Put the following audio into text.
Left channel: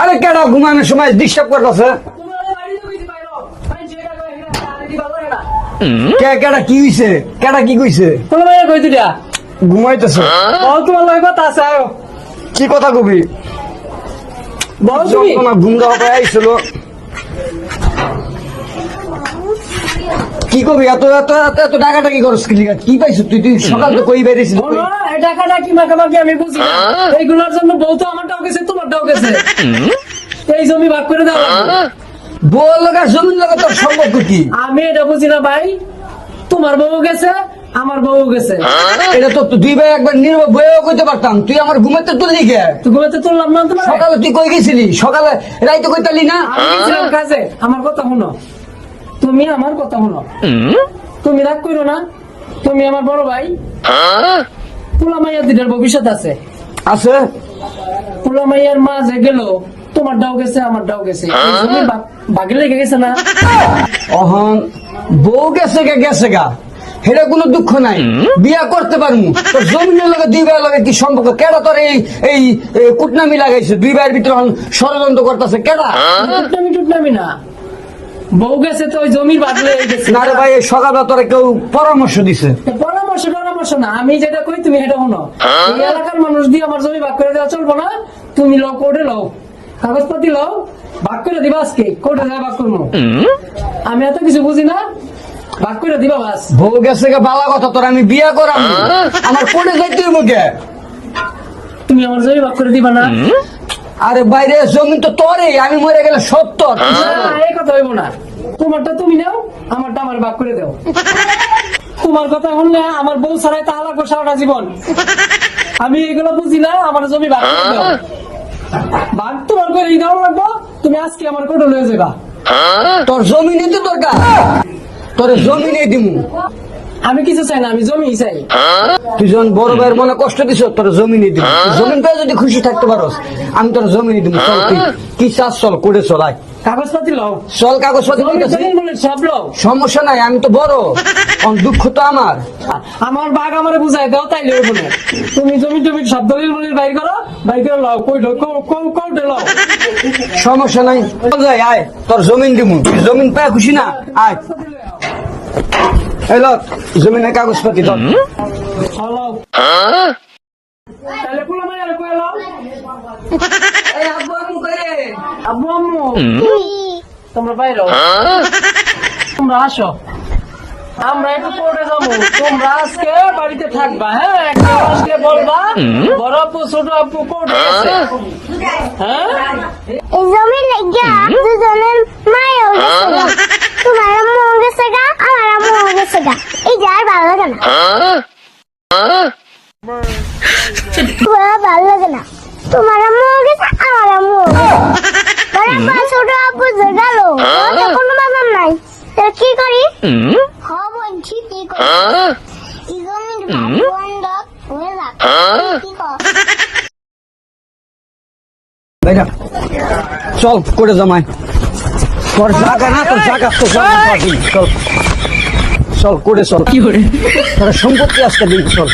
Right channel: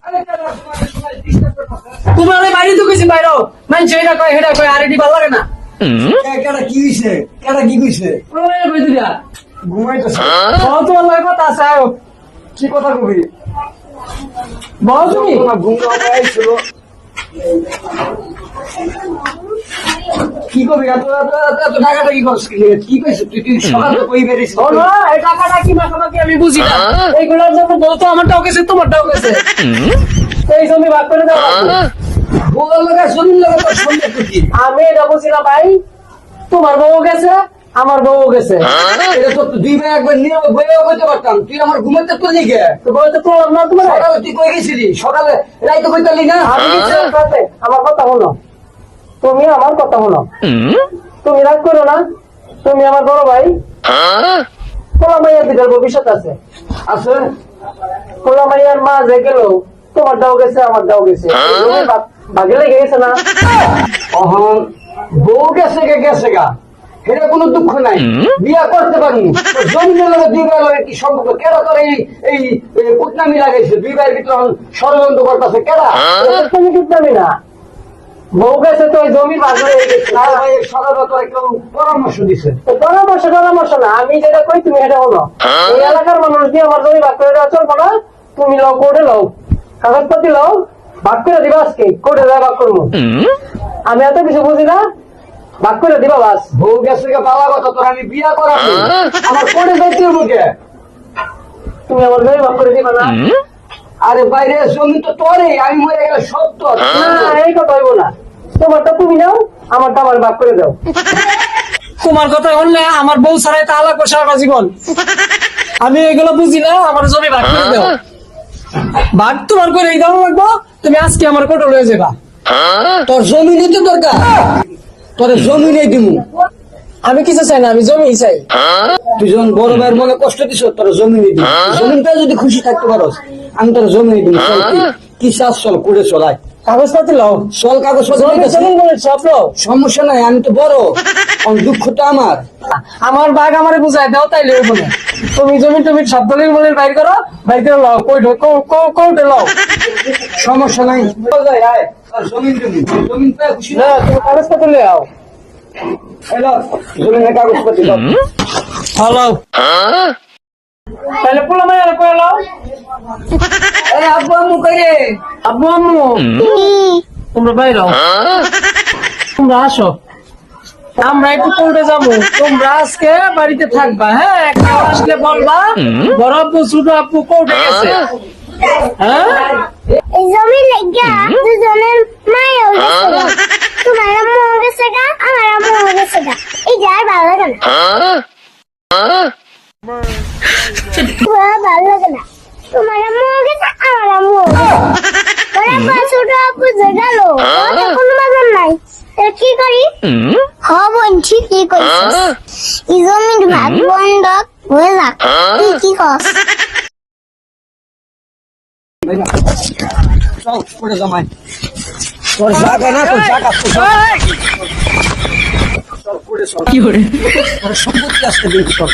আরে কেডা ঘুমানোর সময় ডিস্টার্ব করতেছে? ঘুমানোর বাইরে তো গেছি বাইরে মানছে এটা কয় হেটা কয় আর এটি ভালো লাগে না। কেডা কি হইছে? কেডা কি কইছে? কোনো বাইরে কই দিলা ঘুমাইতেছে। তোমার লগে কথা আছে আয়ো। কি কথা কবি? বল তুমি। তোমার গুঙ্গা হতে আইছিল। কি কবি? এত এত এত এত টাকাটা কি করছ? কি পাইছো তুই? তুই সকালে কই বেরিয়েছিস? এই টাকাটা কি মাখামাখি আমি বুঝি না। এইগুলোর জন্য বলতো আমারটাও গেছে তোমারটাও গেছে। এই জমি ভাগ করে দাও। বল গা জমির লগে তোর সম্পর্ক কি? আমি এটা বুঝি না ভাই। তোমার বউ গেছে আমার বউ গেছে। এটা তো দুই ভাই একবার নীরব বইও কইতে পারতাম। তুই আমার ঘুমাতে তুললি কে? তুই ঘুমাতে তুললাম না তোমার। সকালে তুই কই গেছিলি? সকালে রাইতে কইতালি না? আমি গেছিলাম কাছে। আমার কথা শোনো, তুমি আমার কথা শোনো। তুমি রাগ করো না, তুমি আমার বড় ভাই। পোলা মাইয়ার দিদার ভবিষ্যৎ আছে। আছে পোলা মাইয়ার মা যে গেল তোমার ডাও গেছে আমার ডাও গেছে। ভাগে লেগে গেছে না? অহন বউ গেছে গা গেছে গা, সেটা কোনো দুঃখ নাই। বিয়া করতে পারবো। তোর জমিনের লগে দুই ভাইয়ের লগে কি সম্পর্ক? কেডা তোর এই এই কুটনামি লাগাইছে? দুই ভাইয়ের ভিতরে ষড়যন্ত্র করতেছে কেডা? টুকনামি টুকনামি না, বউ গেছে তো ওই জমির ভাগ লেগে গেছে। না রে ভাই, সকালবেলা তোরা কেউ পরামর্শ দিছে? পরামর্শ না, আমি যেটা কই তুমি সেটা শোনো। এই এলাকার মানুষ দিয়ে আমার জমি ভাগ করে দেওয়া চলবো না। তুমি লও, কোর্টে লও, কাগজপাতি লও, ভাগ করে দিবা। আজকে কোর্টে যা ভাগ করবো। আমি এত কিছু বুঝি না, ভাগ করে দিবা বাস। বউ গেছে গে বালা কথা, তোর আমি বিয়া করাবো। আমার কোনে যাইতে হইব কে? তুমি আমার জমি ভাগ করে দিবা না? আরে বাইরে জমি তো তোরই, আমি মরে গেলে সব তোর। এই কথা হইব না। তোমারটা তুমি নাও, আমারটা আমার ভাগ করে দাও। তোমার কথা শুনলে আমার বউ ছাড়াই তা আলাপ সারাটা জীবন। আমি এগুলো বুঝি না, আমার জমি ভাগ করে দাও। ভাগ তোমার করে এই দাম রাখবো, তুমি আজকে আমার কোর্টে লয়ে যাবা। তোর জমি নিতে দরকার, তোর জমি নেই দিমু। আমি কিছু চাই না, আমি জমি চাই। তুই যখন বল ভাইয়ের বলে কষ্ট দিছ, তোর জমি নিয়ে দিবি। জমিন পেয়ে যদি খুশি থাকতে পারস, আমি তোর জমি নিয়ে দিব। কি চাষ? চল করে চলাই, কাগজপাতি লও, চল কাগজপত্র ঠিক আছে। সব লও, সমস্যা নাই, আমি তো বড়, দুঃখ তো আমার। আমার বাঘ আমারে বুঝাই দাও, তাই লইব না। তুমি জমি তুমি সব দলিল মলিল বাইর করো, বাইর করে লও। কোর্টে লও, সমস্যা নাই। চল যাই, আয় তোর জমিন দিব। তুই জমিন পায় খুশি না? আয় কাগজপাতি লয়ে আও। এলো জমিনের কাগজপাতি দাও। হ্যালো, তাহলে পোলা মাইয়া কয়ে লও। আরে আব্বু আম্মু কই রে? আব্বু আম্মু তোমরা বাইর হও, তোমরা আসো। আমরা একটু কোর্টে যাবো, তোমরা আজকে বাড়িতে থাকবা। হ্যাঁ, একটা আজকে বলবা বড় আপু ছোট আপু কোর্টে গেছে। হ্যাঁ, জমি লেগে দুজনের মায়ের তোমার আম্মু গেছে গা, আমার আম্মু গেছে গা। এই যে আর ভালো লাগে না, ভালো লাগে না। তোমার আম্মু গেছে, আমার আম্মু ছোট আপু যে গেল, কোনো মজা নাই। কি করি? বলছি কি করি? এই জমির ভাগ বন্ধ হয়ে যাক। কি কর? চল করে জমায়। তোর জায়গা না, তোর জায়গা, তোর জায়গা। চল চল করে চল। কি করে সম্পত্তি আসতে চল।